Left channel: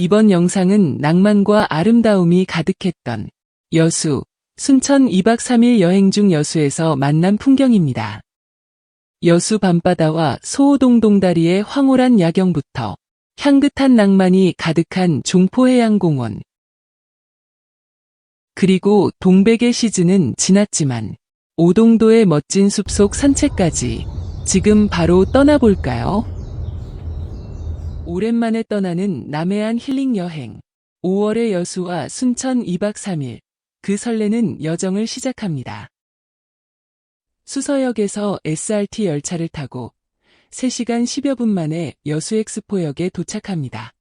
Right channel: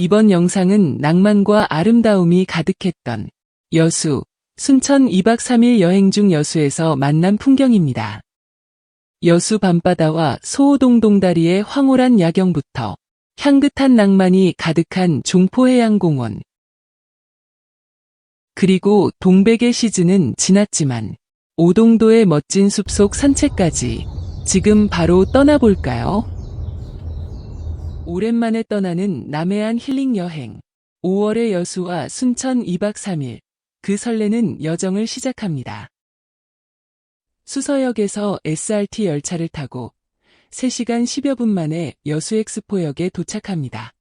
이번 영상은 낭만과 아름다움이 가득했던 여수, 순천 2박 3일 여행 중 여수에서 만난 풍경입니다. 여수 밤바다와 소호동동다리의 황홀한 야경부터 향긋한 낭만이 가득한 종포해양공원. 그리고 동백의 시즌은 지났지만 오동도의 멋진 숲속 산책까지 지금 바로 떠나볼까요? 오랜만에 떠나는 남해안 힐링 여행. 5월의 여수와 순천 2박 3일. 그 설레는 여정을 시작합니다. 수서역에서 SRT 열차를 타고 3시간 10여 분 만에 여수엑스포역에 도착합니다.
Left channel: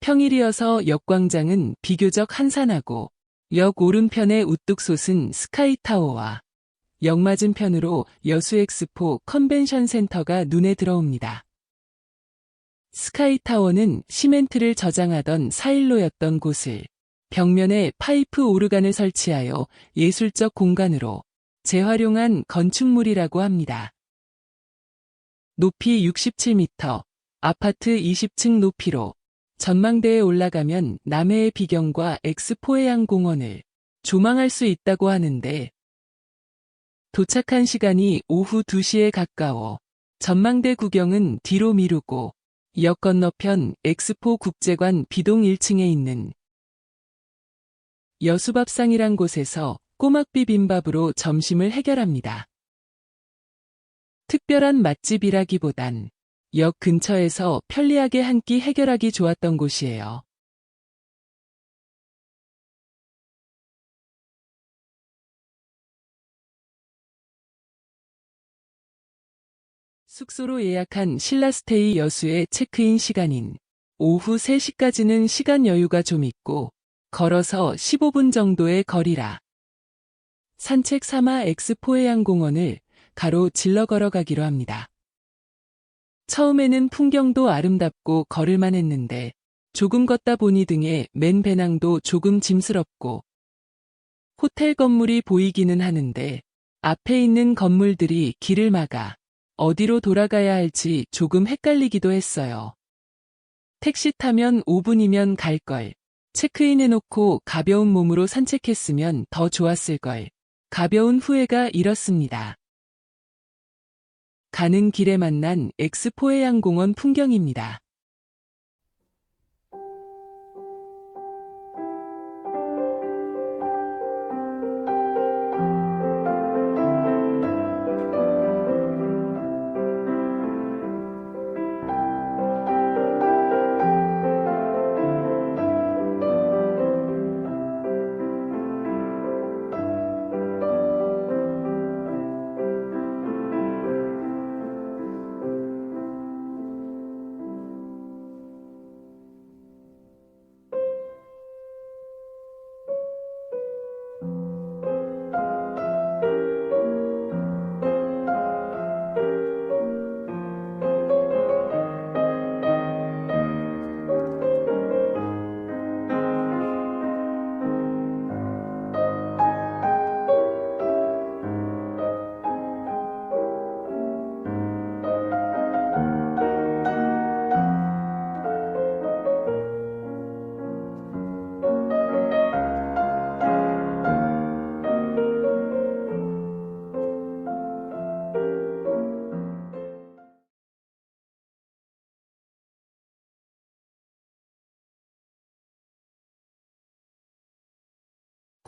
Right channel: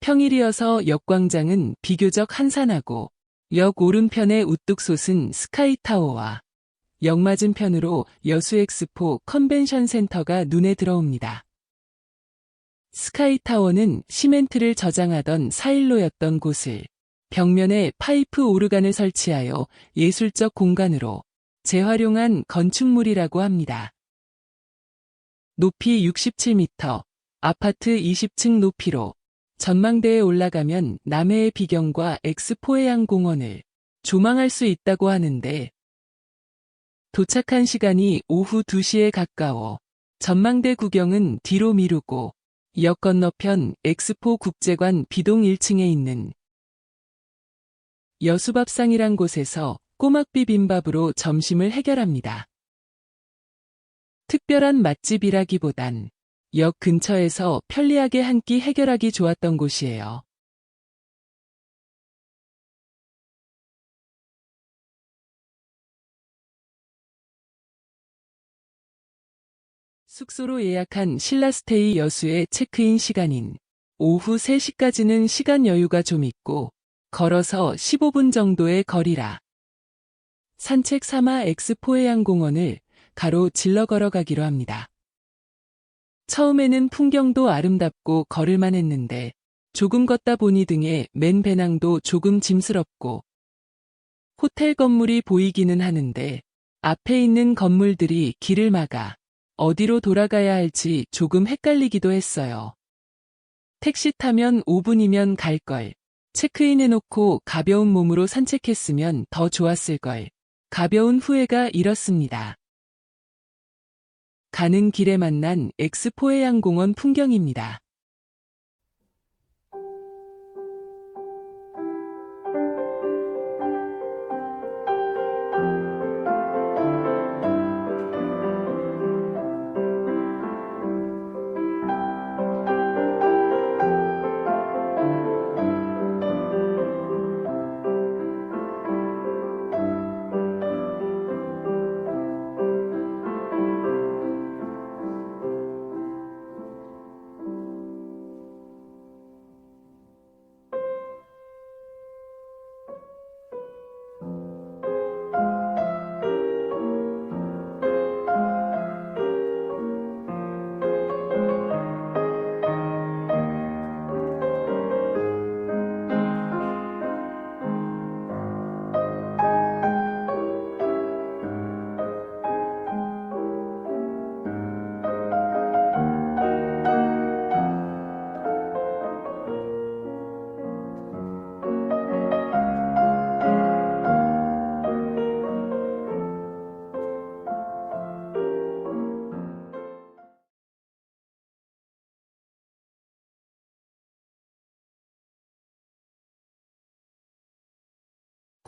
평일이어서 역광장은 비교적 한산하고 역 오른편에 우뚝 솟은 스카이타워와 역 맞은편으로 여수엑스포 컨벤션 센터가 눈에 들어옵니다. 스카이타워는 시멘트를 저장하던 사일로였던 곳을 벽면에 파이프 오르간을 설치하여 예술적 공간으로 재활용한 건축물이라고 합니다. 높이 67m, 아파트 20층 높이로 전망대에 올라가면 남해의 비경과 엑스포해양공원을 조망할 수 있다고 하는데 도착한 시간이 오후 2시에 가까워 전망대 구경은 뒤로 미루고 역 건너편 엑스포 국제관 B동 1층에 있는 여수밥상이란 곳에서 꼬막 비빔밥으로 점심을 해결합니다. 특별한 맛집이라기보단 역 근처에서 편리하게 한 끼 해결하기 좋았던 곳이에요. 숙소로 예약한 신라스테이 여수의 체크인 시간인 오후 3시까지는 시간 여유가 좀 있고 걸어서 15분 정도의 거리라 산책 삼아 엑스포해양공원을 가로질러 걸어가기로 합니다. 처음에는 풍경도 아름답고 걸을만 했는데 조금 걷다 보니 등에 맨 배낭도 조금 짐스럽고 호텔 건물이 보이기는 하는데 앞에 있는 건물들이 길을 막아 어디로 돌아가야 할지 조금 헷갈리기도 했어요. 택시 타면 5분이면 갈걸. 체크인 해놓고 가벼운 몸으로 산책했으면 더 좋았을걸. 가벼운 후회가 일었습니다. 가는 길에 만난 엑스포해양공원 풍경입니다.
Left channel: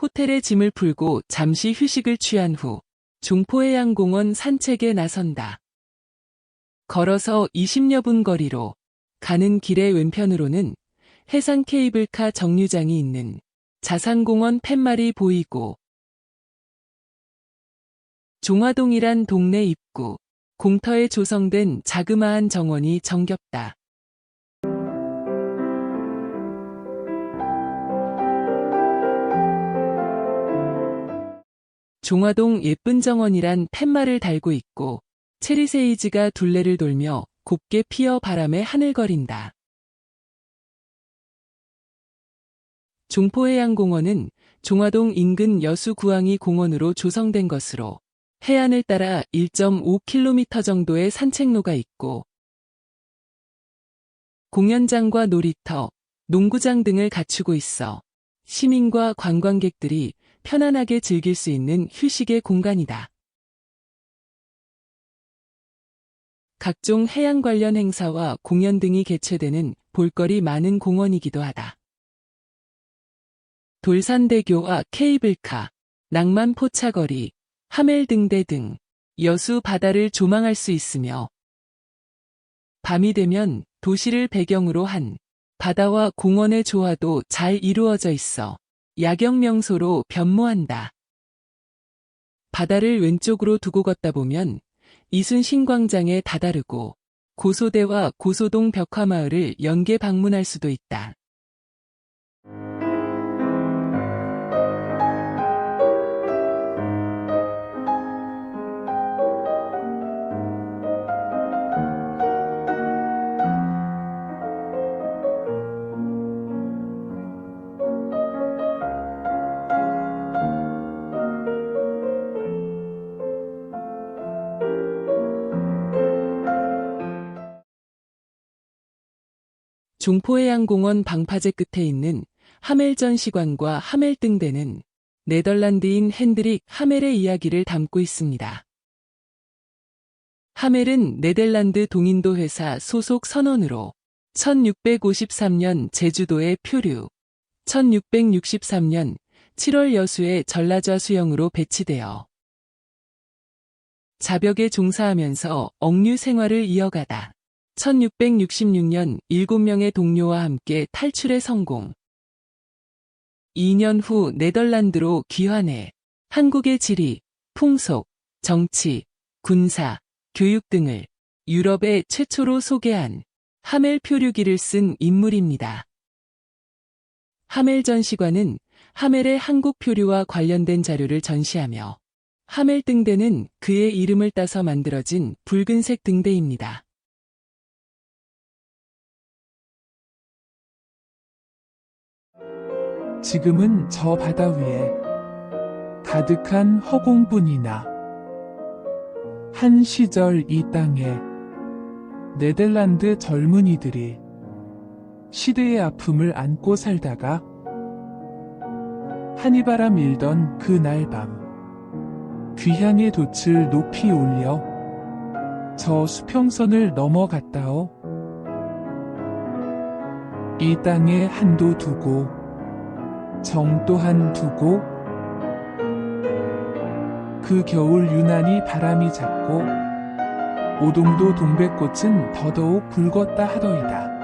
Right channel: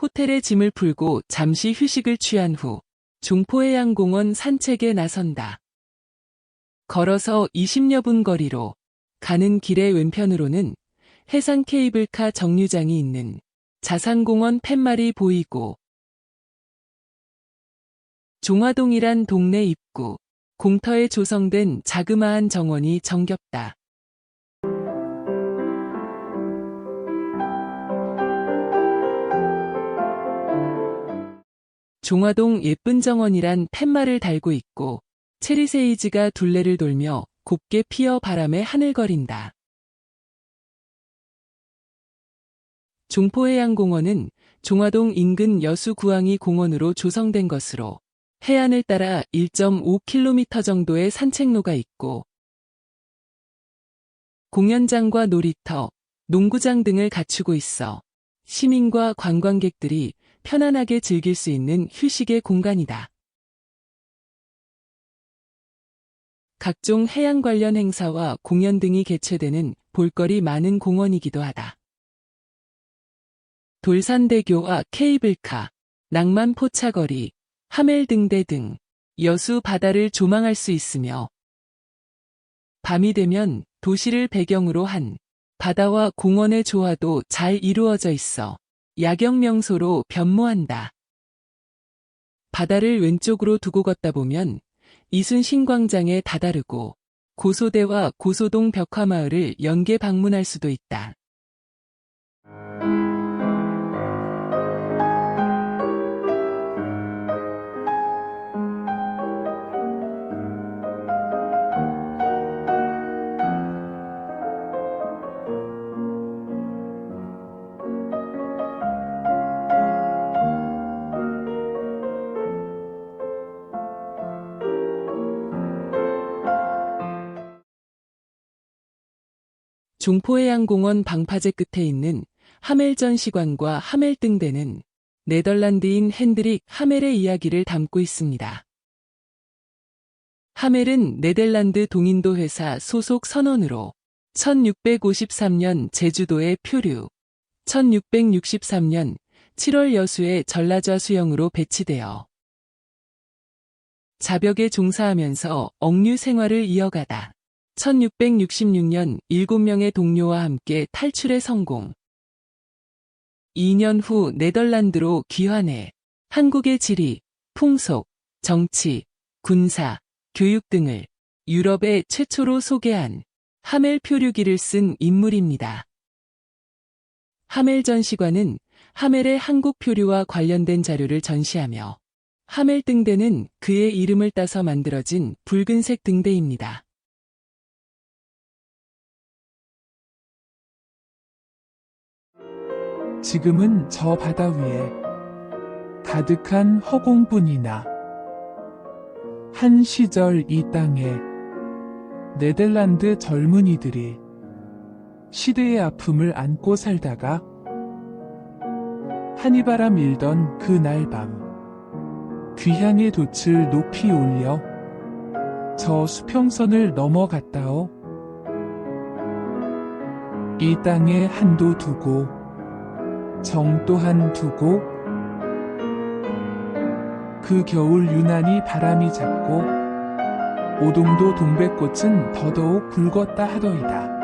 호텔에 짐을 풀고 잠시 휴식을 취한 후 종포해양공원 산책에 나선다. 걸어서 20여 분 거리로 가는 길의 왼편으로는 해상 케이블카 정류장이 있는 자산공원 팻말이 보이고 종화동이란 동네 입구, 공터에 조성된 자그마한 정원이 정겹다. 종화동 예쁜 정원이란 팻말을 달고 있고 체리세이지가 둘레를 돌며 곱게 피어 바람에 하늘거린다. 종포해양공원은 종화동 인근 여수구항이 공원으로 조성된 것으로 해안을 따라 1.5km 정도의 산책로가 있고 공연장과 놀이터, 농구장 등을 갖추고 있어 시민과 관광객들이 편안하게 즐길 수 있는 휴식의 공간이다. 각종 해양 관련 행사와 공연 등이 개최되는 볼거리 많은 공원이기도 하다. 돌산대교와 케이블카, 낭만 포차거리, 하멜등대 등 여수 바다를 조망할 수 있으며 밤이 되면 도시를 배경으로 한 바다와 공원의 조화도 잘 이루어져 있어 야경 명소로 변모한다. 바다를 왼쪽으로 두고 걷다 보면 이순신광장에 다다르고 고소대와 고소동 벽화마을을 연계 방문할 수도 있다. 종포해양공원 방파제 끝에 있는 하멜전시관과 하멜등대는 네덜란드인 핸드릭 하멜의 이야기를 담고 있습니다. 하멜은 네덜란드 동인도 회사 소속 선원으로 1653년 제주도에 표류, 1663년 7월 여수의 전라좌 수영으로 배치되어 자벽에 종사하면서 억류 생활을 이어가다 1666년 7명의 동료와 함께 탈출에 성공. 2년 후 네덜란드로 귀환해 한국의 지리, 풍속, 정치, 군사, 교육 등을 유럽에 최초로 소개한 하멜 표류기를 쓴 인물입니다. 하멜 전시관은 하멜의 한국 표류와 관련된 자료를 전시하며 하멜 등대는 그의 이름을 따서 만들어진 붉은색 등대입니다. 지금은 저 바다 위에 가득한 허공뿐이나 한 시절 이 땅에 네덜란드 젊은이들이 시대의 아픔을 안고 살다가 한이바람 일던 그날 밤 귀향의 돛을 높이 올려 저 수평선을 넘어갔다오. 이 땅에 한도 두고 정 또한 두고 그 겨울 유난히 바람이 잡고 오동도 동백꽃은 더더욱 붉었다 하더이다.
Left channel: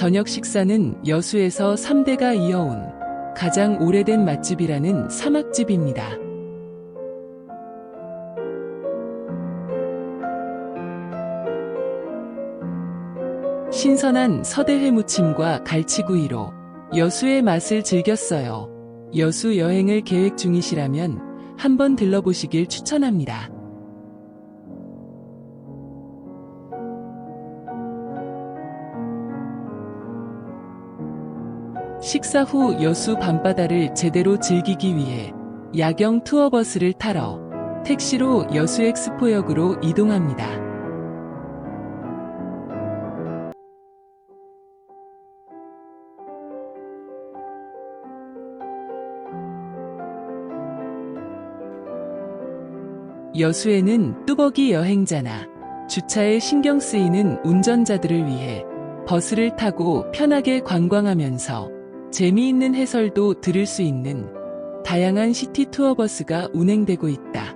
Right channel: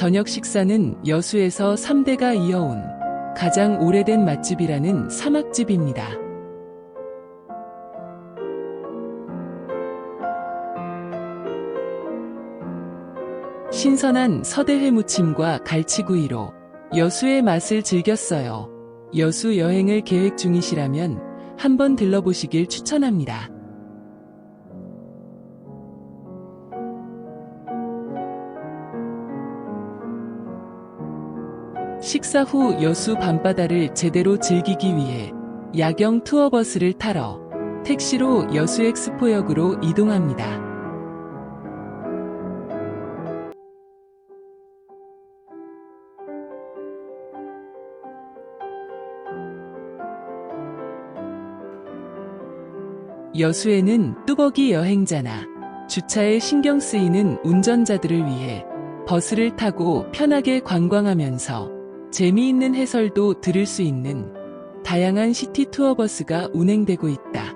저녁 식사는 여수에서 3대가 이어온 가장 오래된 맛집이라는 사막집입니다. 신선한 서대회 무침과 갈치구이로 여수의 맛을 즐겼어요. 여수 여행을 계획 중이시라면 한번 들러보시길 추천합니다. 식사 후 여수 밤바다를 제대로 즐기기 위해 야경 투어버스를 타러 택시로 여수 엑스포역으로 이동합니다. 여수에는 뚜벅이 여행자나 주차에 신경 쓰이는 운전자들을 위해 버스를 타고 편하게 관광하면서 재미있는 해설도 들을 수 있는 다양한 시티 투어 버스가 운행되고 있다.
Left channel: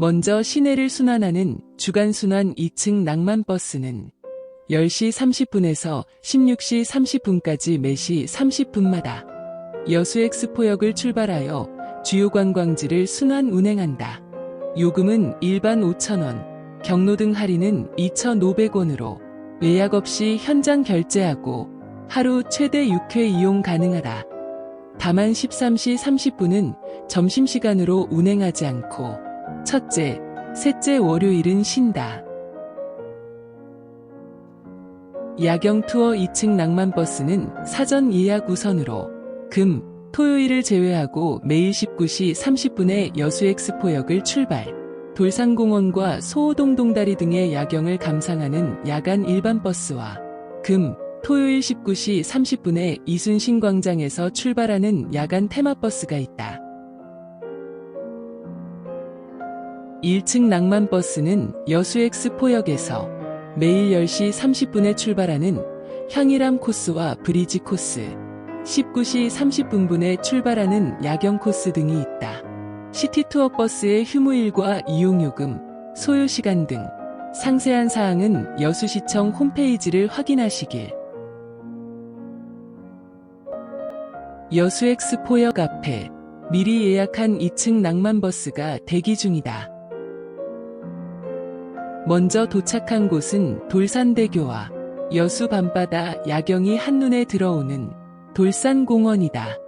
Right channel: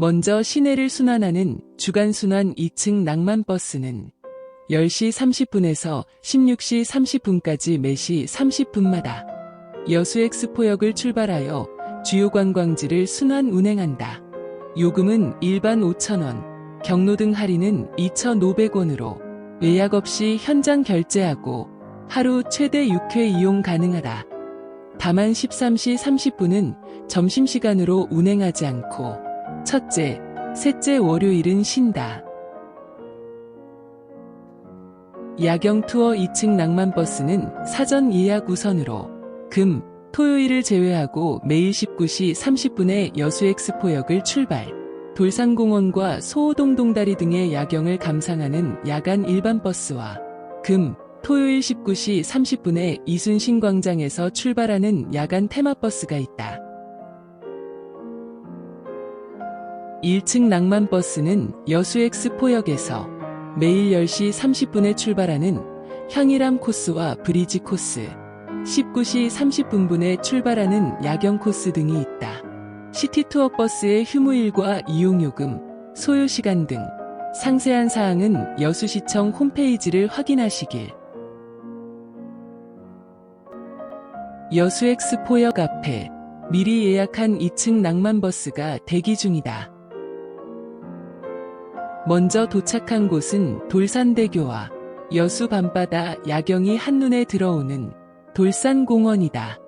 먼저 시내를 순환하는 주간순환 2층 낭만버스는 10시 30분에서 16시 30분까지 매시 30분마다 여수 엑스포역을 출발하여 주요 관광지를 순환 운행한다. 요금은 일반 5,000원, 경로등 할인은 2,500원으로 예약 없이 현장 결제하고 하루 최대 6회 이용 가능하다. 다만 13시 30분은 점심시간으로 운행하지 않고 첫째, 셋째 월요일은 쉰다. 야경 투어 2층 낭만버스는 사전 예약 우선으로 금, 토요일을 제외하고 매일 19시 30분에 여수 엑스포역을 출발. 돌산공원과 소호동 동다리 등의 야경을 감상하는 야간 일반 버스와 금, 토요일 19시 30분에 이순신 광장에서 출발하는 야간 테마버스가 있다. 1층 낭만버스는 여수 엑스포역에서 매일 10시 30분에 출발하는 향일암 코스와 브리지 코스, 19시 30분분에 출발하는 야경 코스 등이 있다. 시티투어 버스의 휴무일과 이용요금, 소요시간 등 상세한 사항은 여수시청 홈페이지를 확인하시길. 여수 엑스포역 앞에 미리 예약한 2층 낭만버스가 대기 중이다. 먼저 도착한 곳은 돌산대교와 여수 밤바다 야경이 한눈에 들어오는 돌산공원이다.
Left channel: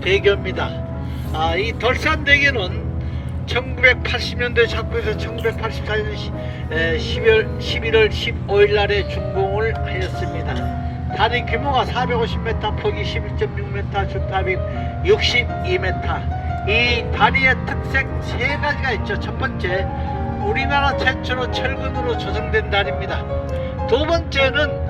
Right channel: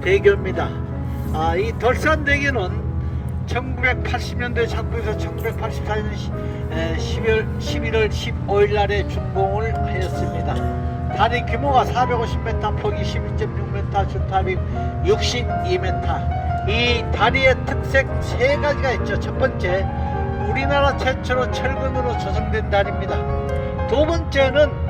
대교입니다. 이 돌산대교는 1980년도에 착부해서 1984년 11월 15일 날에 준공을 하였습니다. 다리 규모가 450m, 폭이 11.6m, 주탑이 62m. 이 다리의 특색 세 가지가 있죠. 첫 번째, 우리나라 최초로 철근으로 조성된 다리입니다. 두 번째는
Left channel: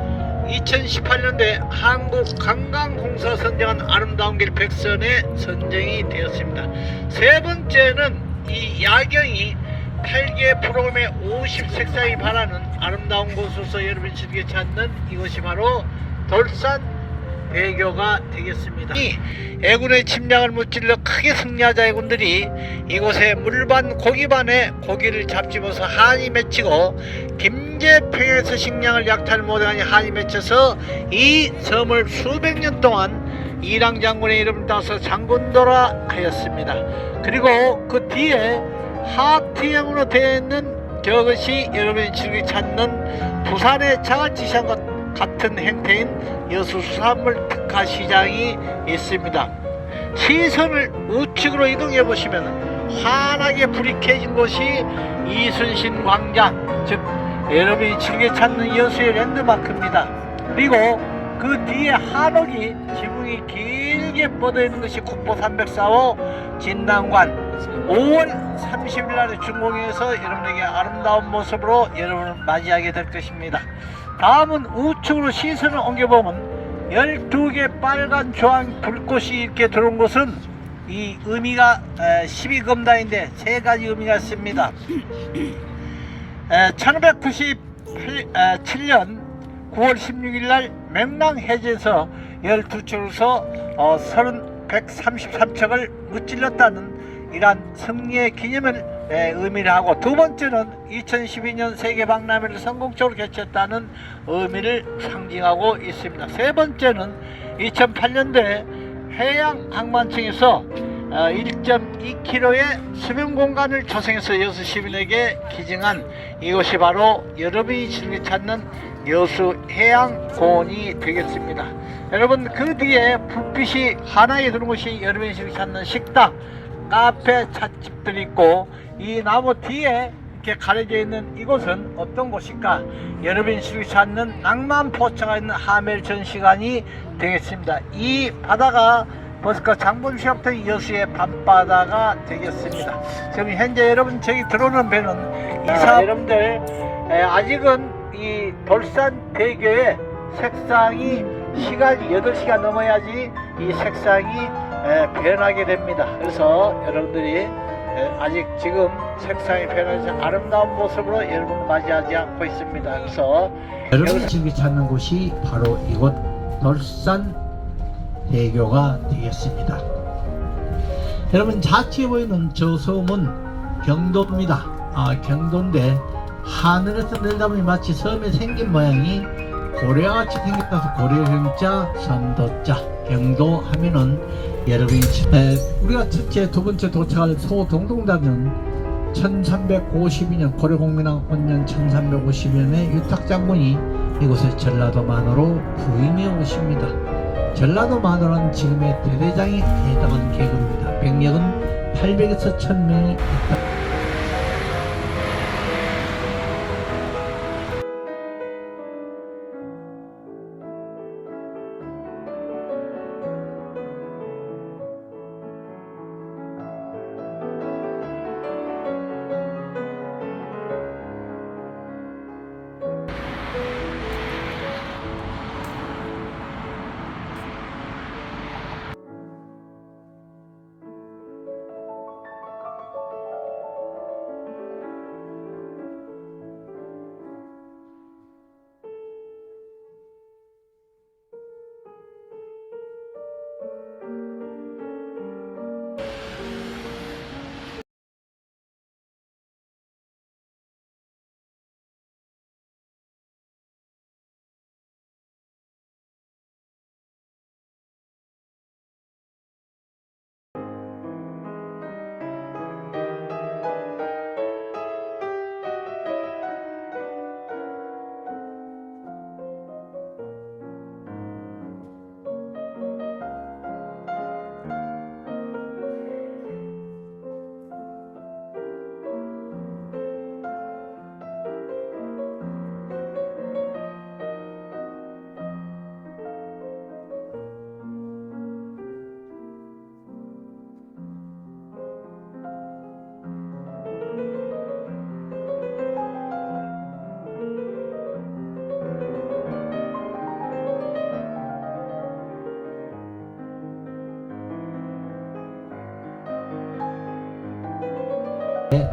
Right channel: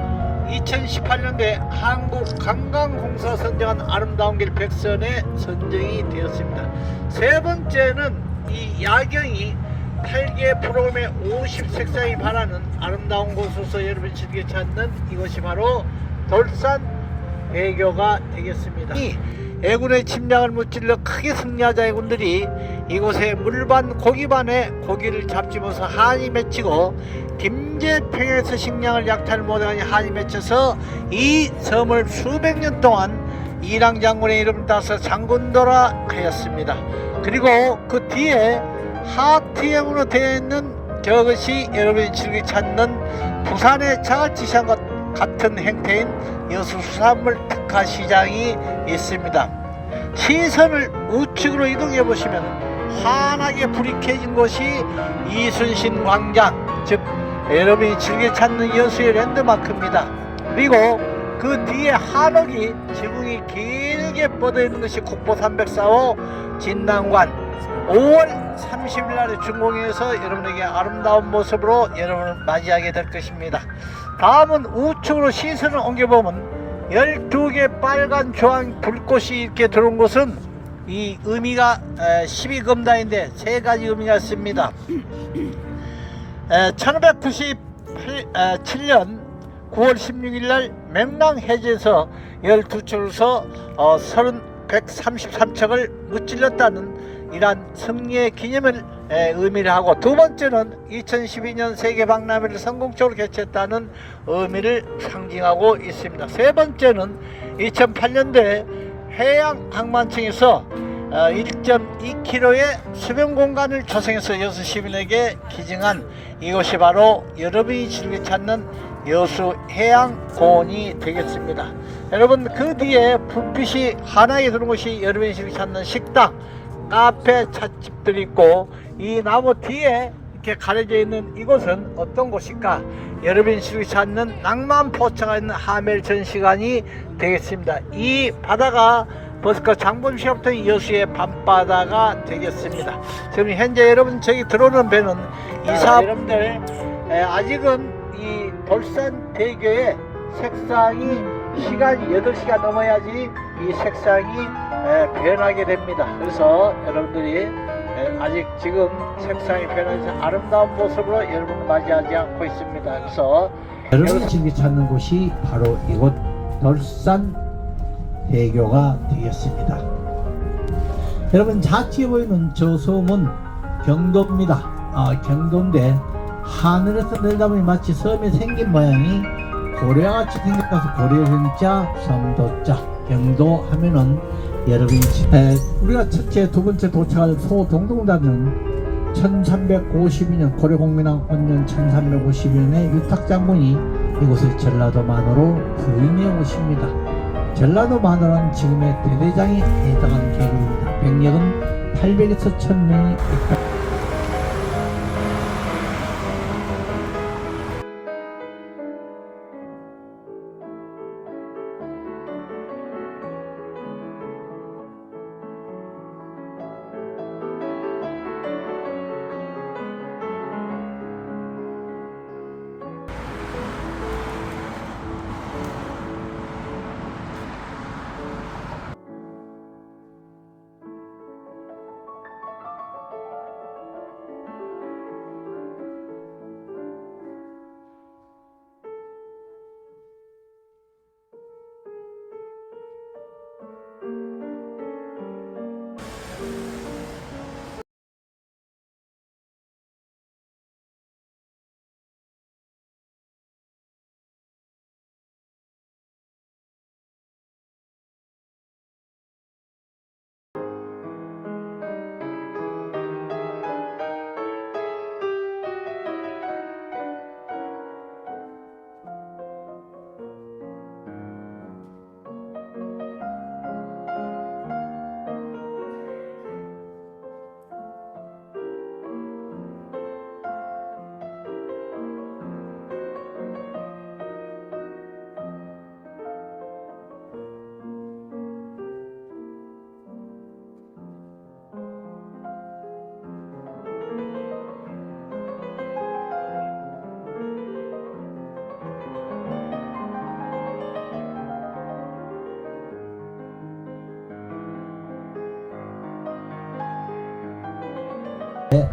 2018년도에 한국관광공사 선정한 아름다운 길 100선에 선정이 되었습니다. 세 번째는 이 야경이 8개 프로그램의 50색상이 반하는 아름다운 곳으로서 여러분이 즐겨 찾는 이것이 바로 돌산대교가 되겠습니다. 이 애군의 침략을 무찔러 크게 승리하자 해군들이 이곳에 물반 고기반에 고기를 잡집어서 한이 맺히고 김제평에서 식량을 약탈 못하니 한이 맺혀서 이 섬을 수백 년 동안 이랑 장군의 이름을 따서 장군도라 하였습니다. 그리고 그 뒤에 하트형으로 되어 있는 저것이 여러분이 즐겨 찾는 부산의 자갈치시장 같은 형태인 여수 수산물 특화시장이 있습니다. 시선을 우측으로 이동해 보시면 환하게 불이 켜진 곳이 이순신 광장, 즉 여러분이 즐겨 찾는 여수의 랜드마크입니다. 그리고 그 뒤에 한옥이 지붕이 길게 뻗어 있는 것이 국보 304호 진당관, 5월 30일 날에 준공해서 여러분에게 아름다운 모습으로 여러분을 맞이하게 될 것입니다. 다음은 우측으로 시선을 옮겨보면 12개 빨간 조항 불꽃이 이렇게 들어온 곳은 이 의미가 12금단인데 세 가지 의미가 있습니다. 1597년 9월 16일 날 명랑 해제에서 12척에서 133척을 무찔렀다는 이러한 승리의 기념을 의미를 하고, 두 번째는 2012년 세계박람회를 성공적으로 개최했다는 의미를 상징하고 있습니다. 세 번째는 2008년도에 해양항만청에서 1.2km의 수변 공간을 조성해서 여수 시민에게 기증한 이것이 바로 여러분이 즐겨 찾는 여수 해양공원이 되겠습니다. 여러분, 그 뒤에 불빛이 환하게 드는 곳이 여러분이 즐겨 찾는 식당, 카페, 찻집들이 있고, 이 나무 뒤에 이렇게 가려져 있는 이곳은 어떤 곳일까? 여러분이 즐겨 찾는 낭만 포차가 있는 하멜 전시관이 되겠습니다. 이 바다가 버스커 장본시합던 여수의 밤바다가 되겠습니다. 지금 현재 여러분 저기 들어오는 배는 여러분들 아직은 이 돌산대교의 색상이 시간이 8시가 넘어야지 이 색상이 변하게 됩니다. 그래서 여러분들이 아직 지금 색상이 변하지 아름다운 모습으로 여러분을 맞이하지 않고 있습니다. 그래서 여러분이 지금 찾는 곳이 바로 이곳 돌산 대교가 되겠습니다. 여러분, 좌측에 보이는 저 섬은 경도입니다. 경도인데 하늘에서 내려다보니 마치 섬에 생긴 모양이 고래같이 생겨서 고래경자 섬도자 경도 하면은 여러분이 우리가 첫째 두 번째 도착할 소동동단은 1352년 고려공민왕 원년 1352년에 유탁장군이 이곳에 전라도 만으로 부임해 오십니다. 전라도 만으로는 지금의 대대장에 해당하는 계급입니다. 병력은 800에서 1000명이 있다.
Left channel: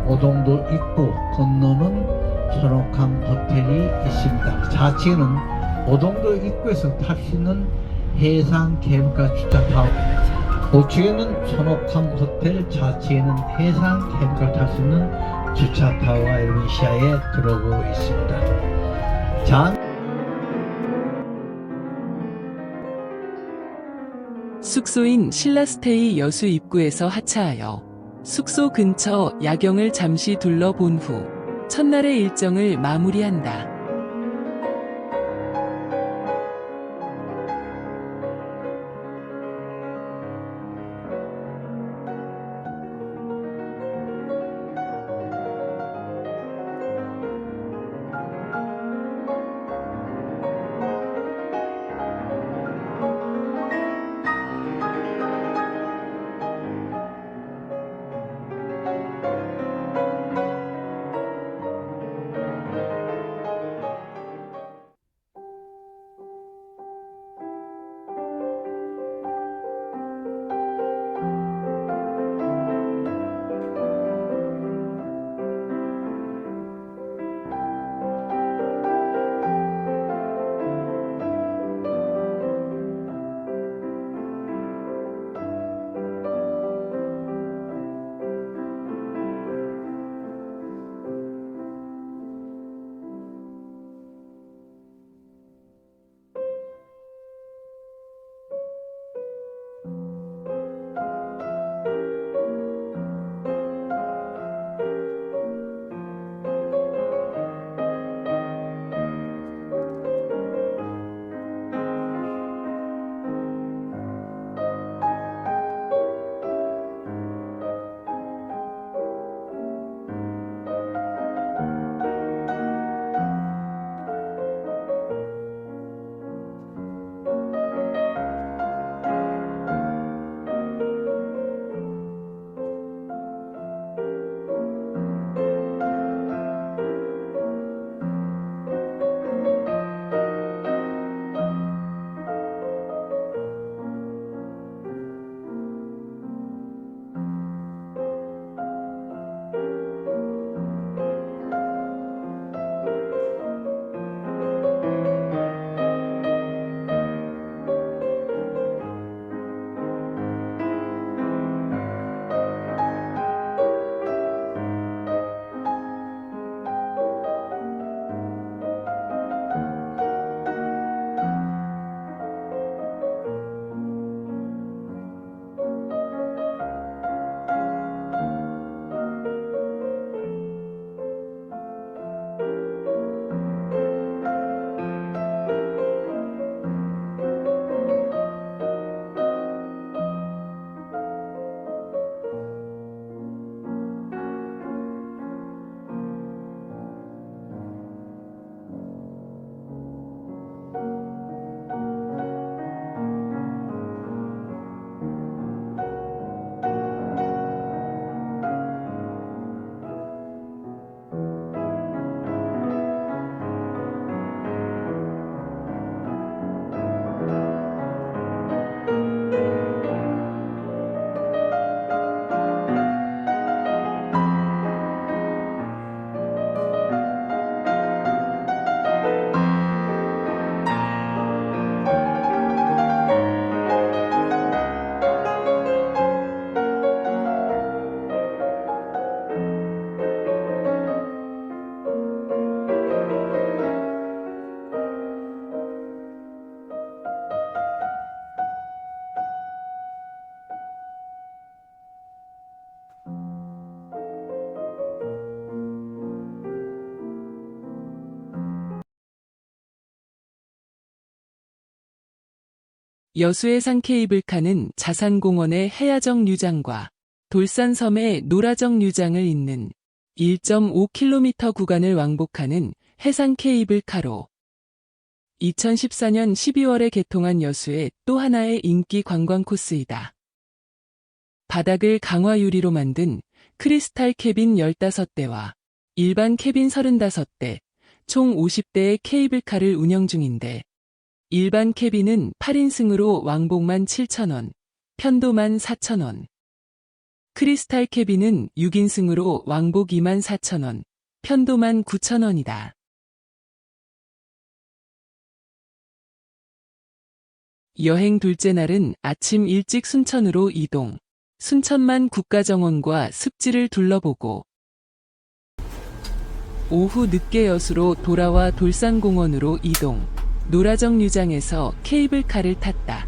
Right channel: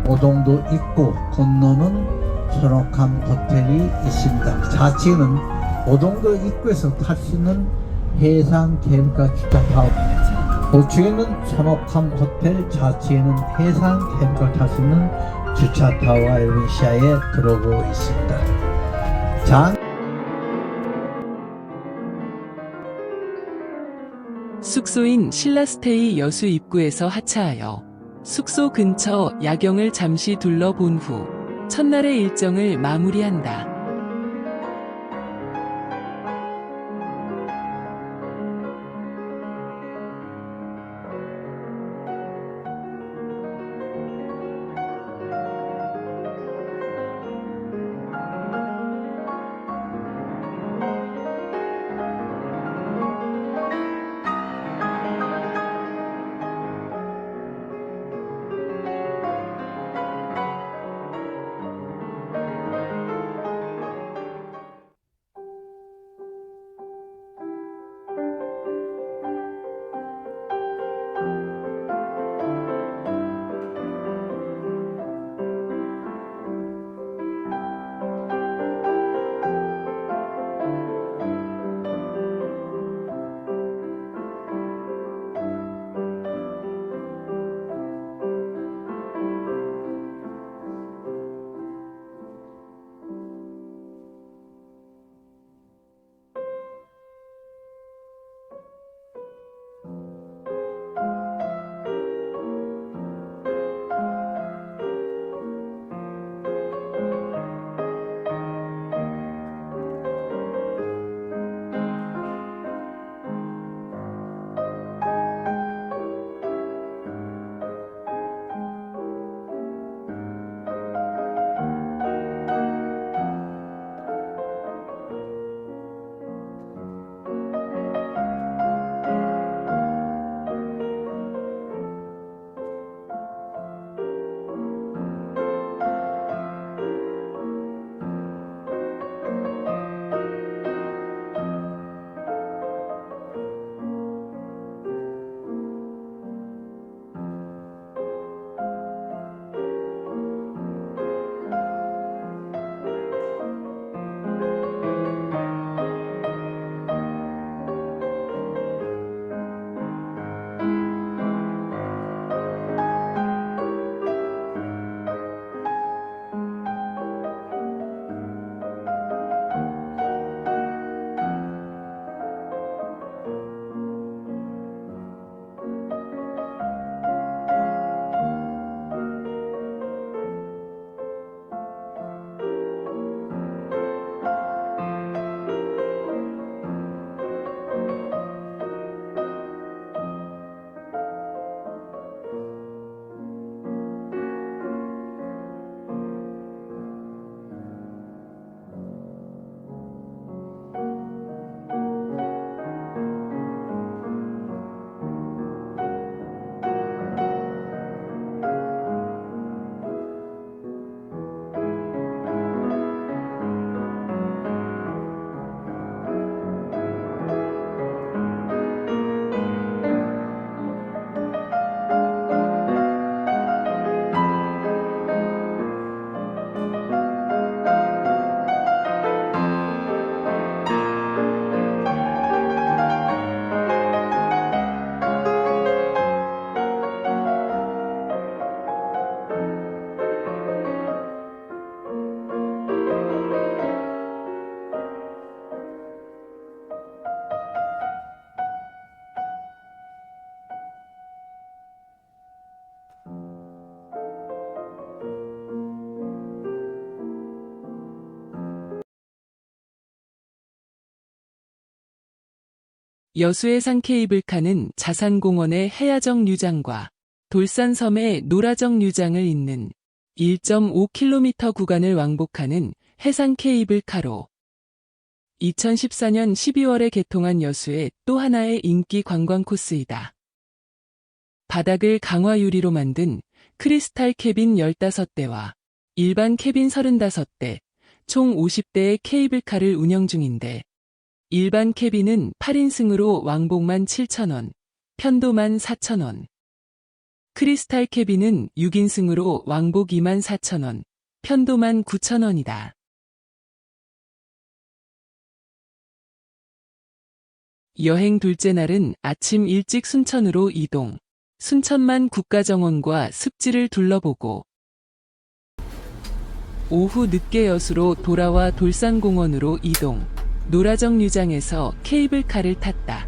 오동도 입구 건너는 선옥함 호텔이 있습니다. 좌측에는 오동도 입구에서 탈 수 있는 해상 캠핑카 주차타워, 우측에는 선옥함 호텔, 좌측에는 해상 캠핑카 탈 수 있는 주차타워가 여러분 시야에 들어오고 있습니다. 숙소인 신라스테이 여수 입구에서 하차하여 숙소 근처 야경을 잠시 둘러본 후 첫날의 일정을 마무리한다. 여수해상 케이블카는 자산공원의 해야정 유장과 돌산섬의 노라정 유장을 잇는 1.5km 구간을 왕복하는 해상 케이블카로 2014년 12월에 개통한 여수의 또 하나의 인기 관광 코스이다. 바닥을 강화 유리로 만든 크리스탈 캐빈 15대와 일반 캐빈 35대, 총 50대의 케이블카를 운영 중인데 일반 캐빈은 8인승으로 왕복만 7,000원, 편도만 4,000원. 크리스탈 캐빈은 6인승으로 왕복 24,000원, 편도만 9,000원이다. 여행 둘째 날은 아침 일찍 순천으로 이동, 순천만 국가정원과 습지를 둘러보고 오후 늦게 여수로 돌아와 돌산공원으로 이동, 노라정 유장에서 케이블카를 탔다.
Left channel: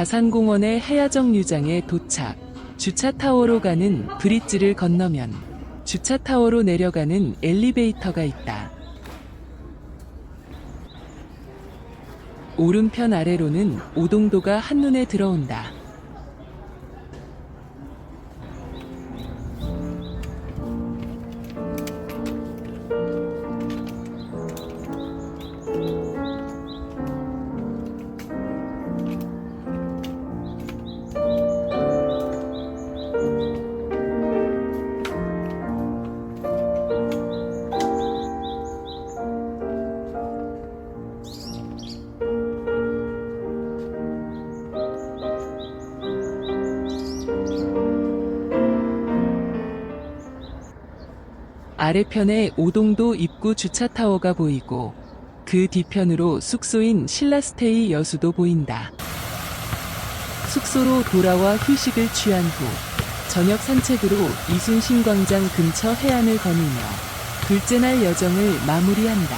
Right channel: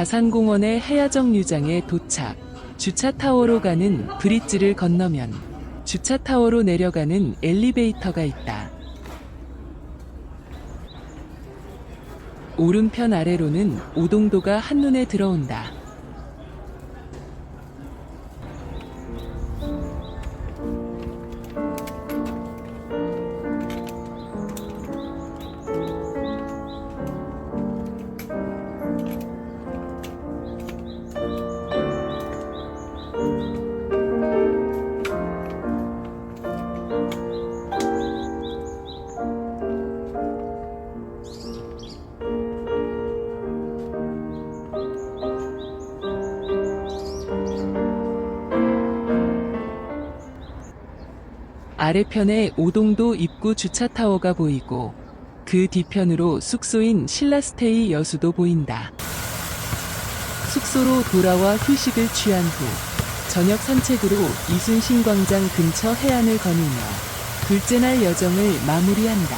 자산공원의 해야정 유장에 도착. 주차타워로 가는 브릿지를 건너면 주차타워로 내려가는 엘리베이터가 있다. 오른편 아래로는 오동도가 한눈에 들어온다. 아래편에 오동도 입구 주차타워가 보이고 그 뒤편으로 숙소인 신라스테이 여수도 보인다. 숙소로 돌아와 휴식을 취한 후 저녁 산책으로 이순신 광장 근처 해안을 거니며 둘째 날 여정을 마무리한다.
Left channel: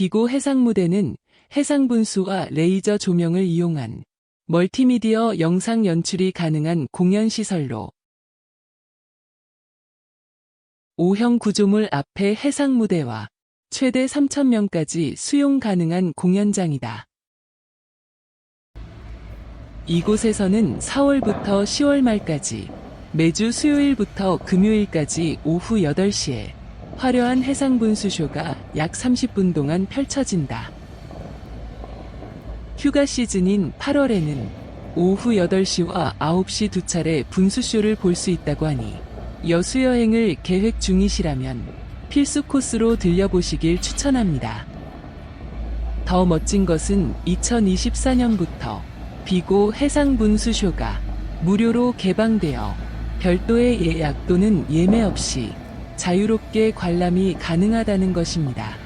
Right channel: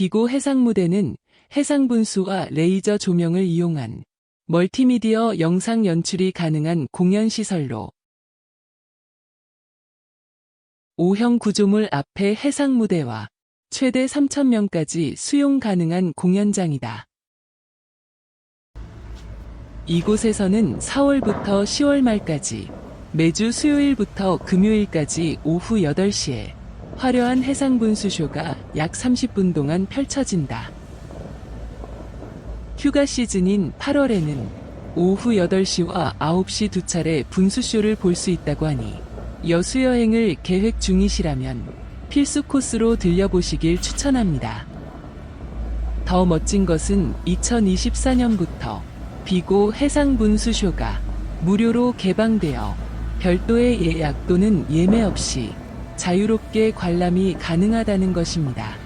비고 해상무대는 해상분수와 레이저 조명을 이용한 멀티미디어 영상 연출이 가능한 공연시설로 5형 구조물 앞에 해상무대와 최대 3,000명까지 수용 가능한 공연장이다. 이곳에서는 4월부터 10월 말까지 매주 수요일부터 금요일까지 오후 8시에 화려한 해상분수쇼가 약 30분 동안 펼쳐진다. 휴가 시즌인 8월에는 오후 8시와 9시 두 차례 분수쇼를 볼 수 있다고 하니 여수여행을 계획 중이시라면 필수 코스로 들려보시길 추천합니다. 더 멋진 것은 2024년부터 비고 해상분수쇼가 무료로 개방되어 별도의 예약 또는 예매 없이 자유롭게 관람이 가능하다는 것입니다.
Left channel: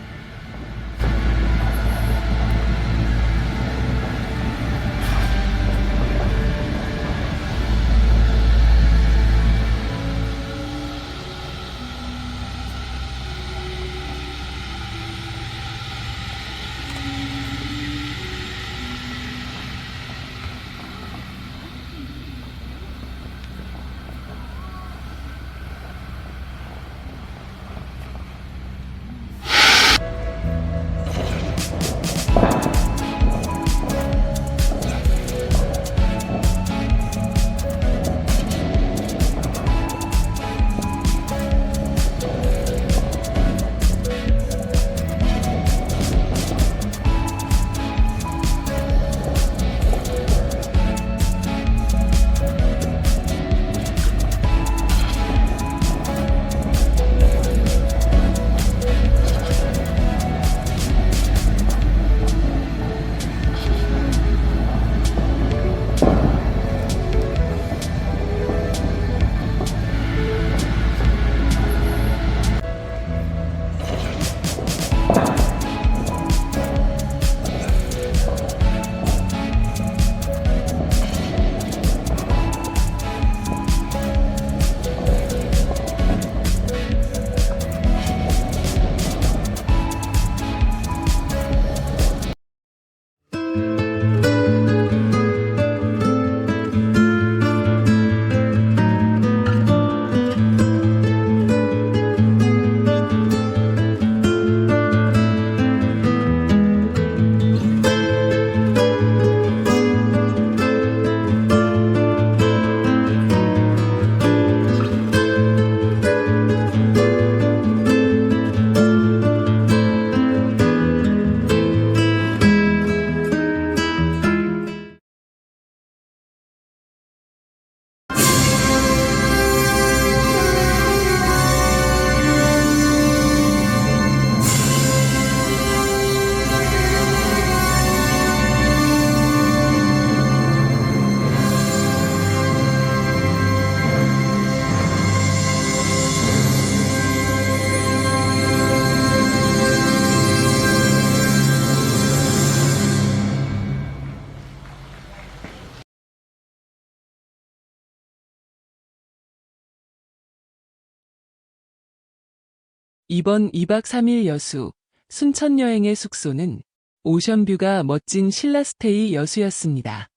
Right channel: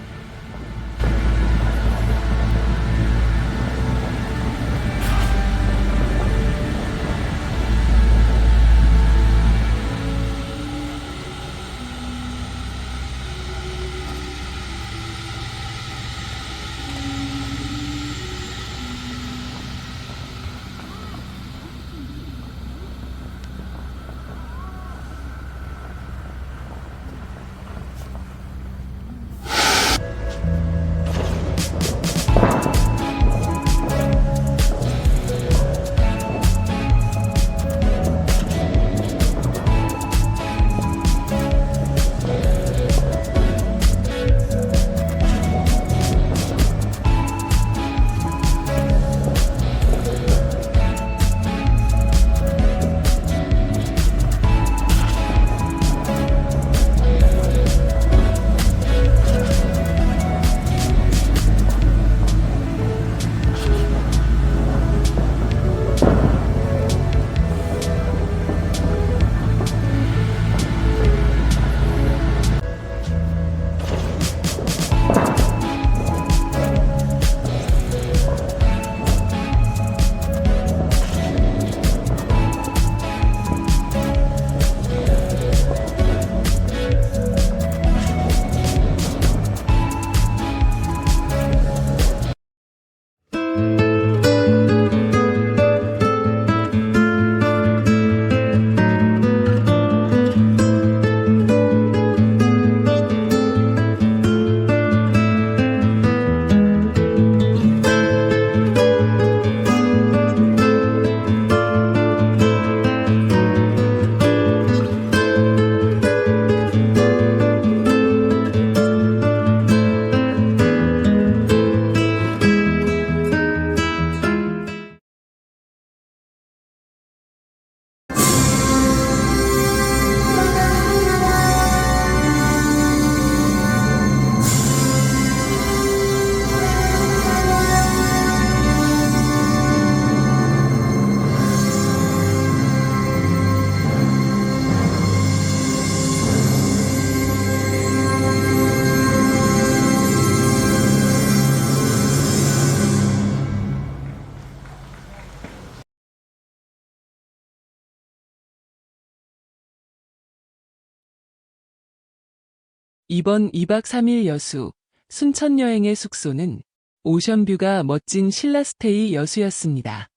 이번 2박 3일 여수, 순천 여행의 숙소는 오션뷰가 멋진 신라스테이 여수였습니다.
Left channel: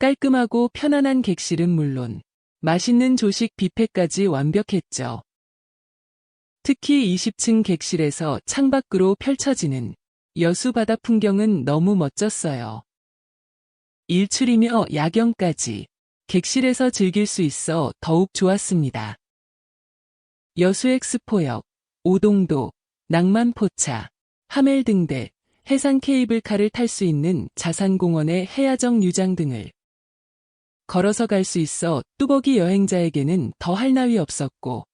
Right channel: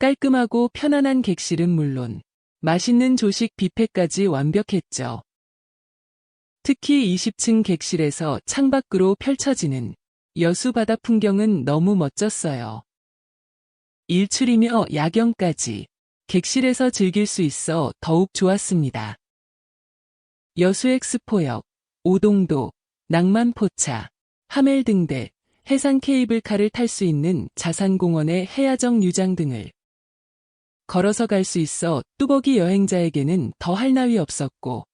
깔끔하고 편안한 객실은 물론 맛있는 조식 뷔페까지 완벽했죠. 특히 20층 객실에서 창밖으로 펼쳐지는 여수 바다 풍경은 너무 멋졌어요. 일출이며 야경까지 객실에서 즐길 수 있어 더욱 좋았습니다. 여수 엑스포역, 오동도, 낭만포차, 하멜등대, 해상 케이블카를 탈 수 있는 자산공원의 해야정 유장 등을 걸어서 갈 수 있어 뚜벅이 여행자에게는 더할 나위 없었고,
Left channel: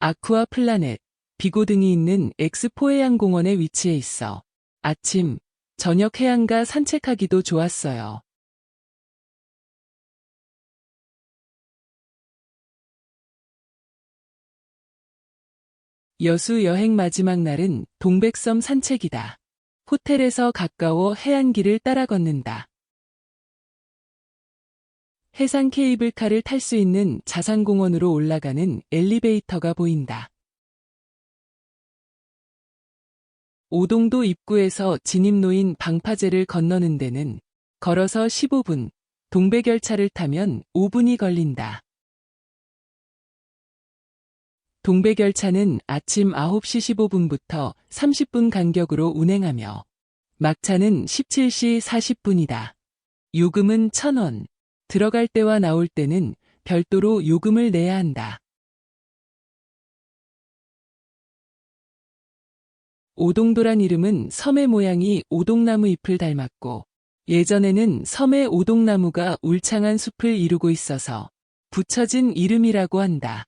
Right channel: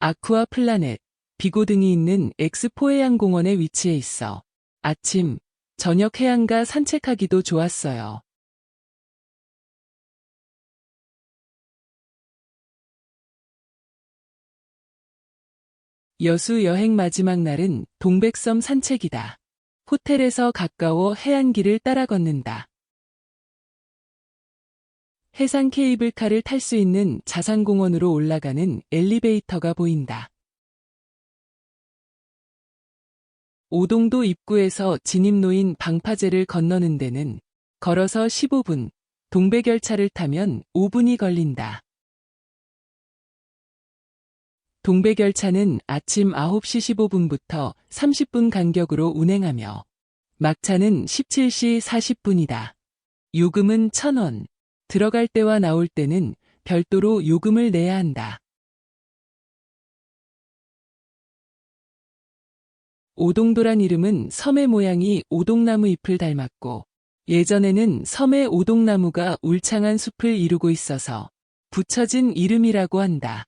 아쿠아 플라넷, 비고 등이 있는 엑스포 해양공원에 위치해 있어 아침, 저녁 해안가 산책하기도 좋았어요. 여수 여행 마지막 날은 동백섬 산책이다. 호텔에서 가까워 해안길을 따라 걷는다. 해상 케이블카를 탈 수 있는 자산공원으로 올라가는 엘리베이터가 보인다. 오동도 입구에서 진입로인 방파제를 건너는 데는 걸어서 15분, 동백열차를 타면 5분이 걸린다. 동백열차는 아침 9시 15분부터 30분 간격으로 운행하며 막차는 17시 40분이다. 요금은 1,000원. 들어갈 때와 나올 때는 별도로 요금을 내야 한다. 오동도란 이름은 섬의 모양이 오동나무 잎을 닮았고 예전에는 섬의 오동나무가 울창한 숲을 이루고 있어서 붙여진 이름이라고 한다.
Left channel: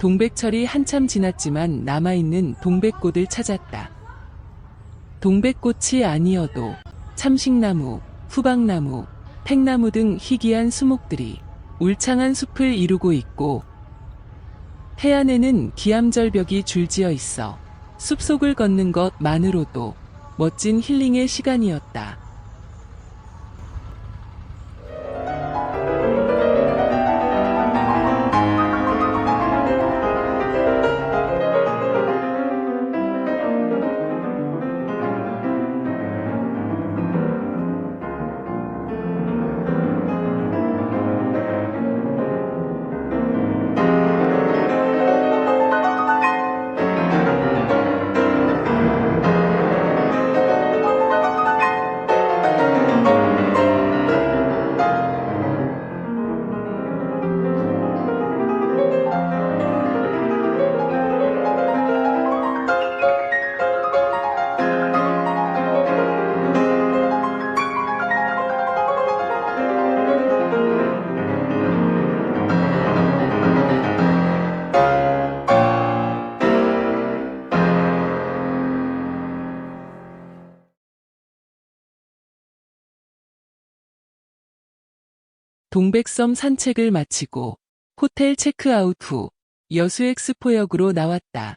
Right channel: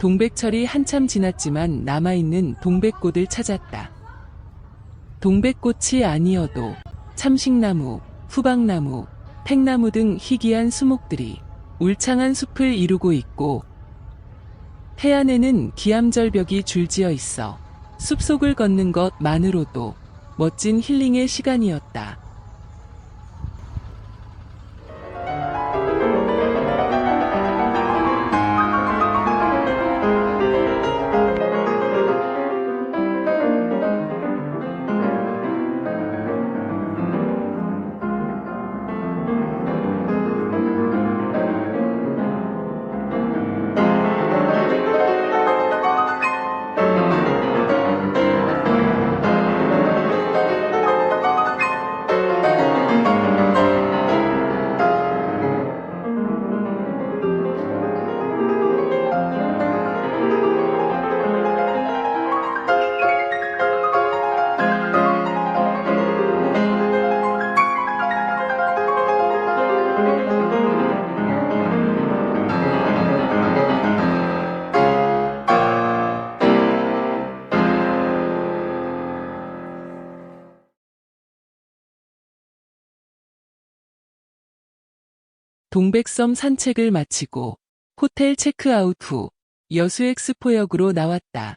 동백철이 한참 지났지만 남아있는 동백꽃을 찾았다. 동백꽃이 아니어도 참식나무, 후박나무, 팽나무 등 희귀한 수목들이 울창한 숲을 이루고 있고 해안에는 기암절벽이 줄지어 있어 숲속을 걷는 것만으로도 멋진 힐링의 시간이었다. 동백섬 산책을 마치고 호텔 체크아웃 후 여수엑스포역으로 나왔다.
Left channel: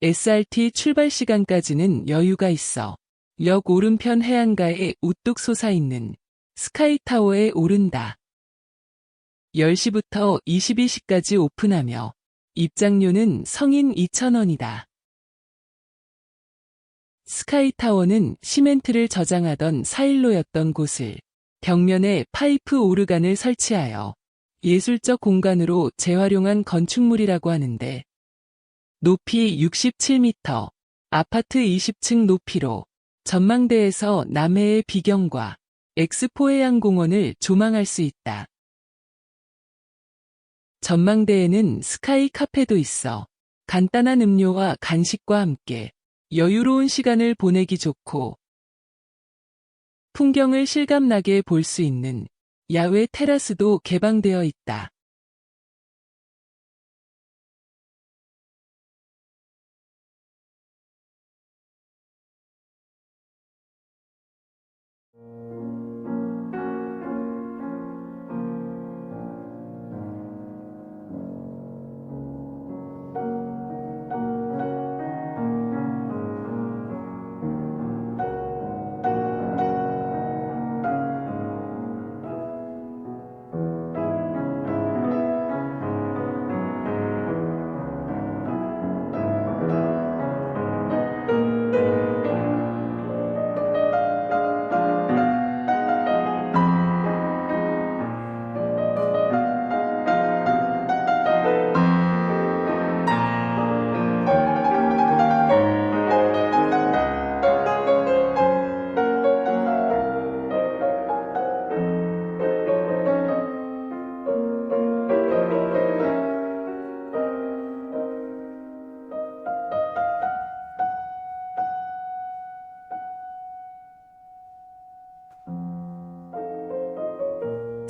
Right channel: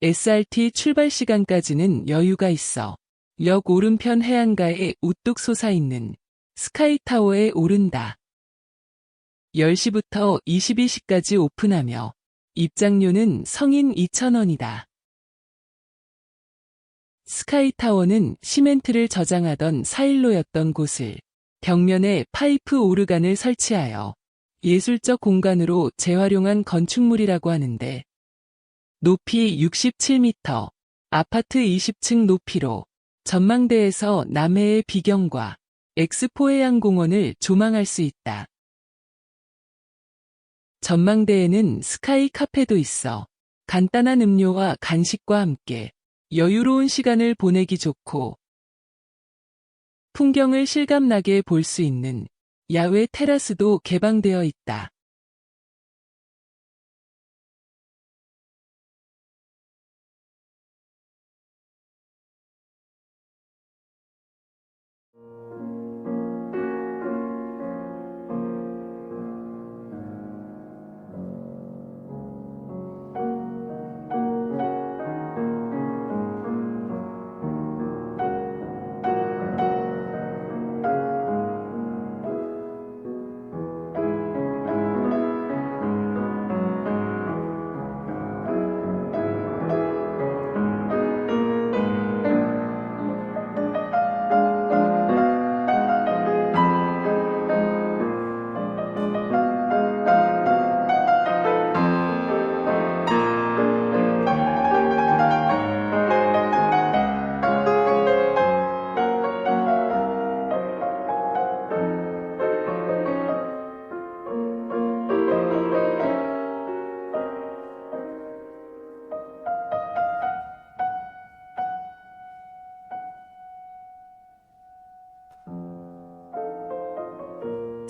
SRT 출발 시간까지는 여유가 있어 역 오른편 해안가에 우뚝 솟아있는 스카이타워에 오른다. 10시부터 22시까지 오픈하며 입장료는 성인 2,000원이다. 스카이타워는 시멘트를 저장하던 사일로였던 곳을 벽면에 파이프 오르간을 설치하여 예술적 공간으로 재활용한 건축물이라고 하는데 높이 67m, 아파트 20층 높이로 전망대에서 남해의 비경과 엑스포 해양공원을 조망할 수 있다. 전망대에는 스카이 카페도 있어 간단한 음료와 간식과 함께 여유로운 시간을 보내기 좋고 풍경을 실감나게 볼 수 있는 야외 테라스도 개방되어 있다.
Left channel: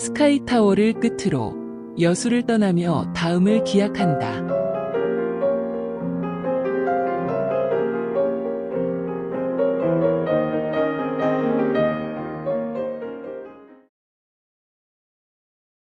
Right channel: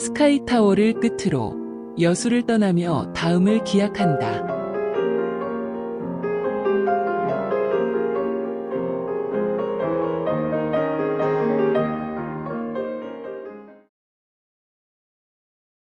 스카이타워를 끝으로 여수를 떠나며 다음을 기약한다.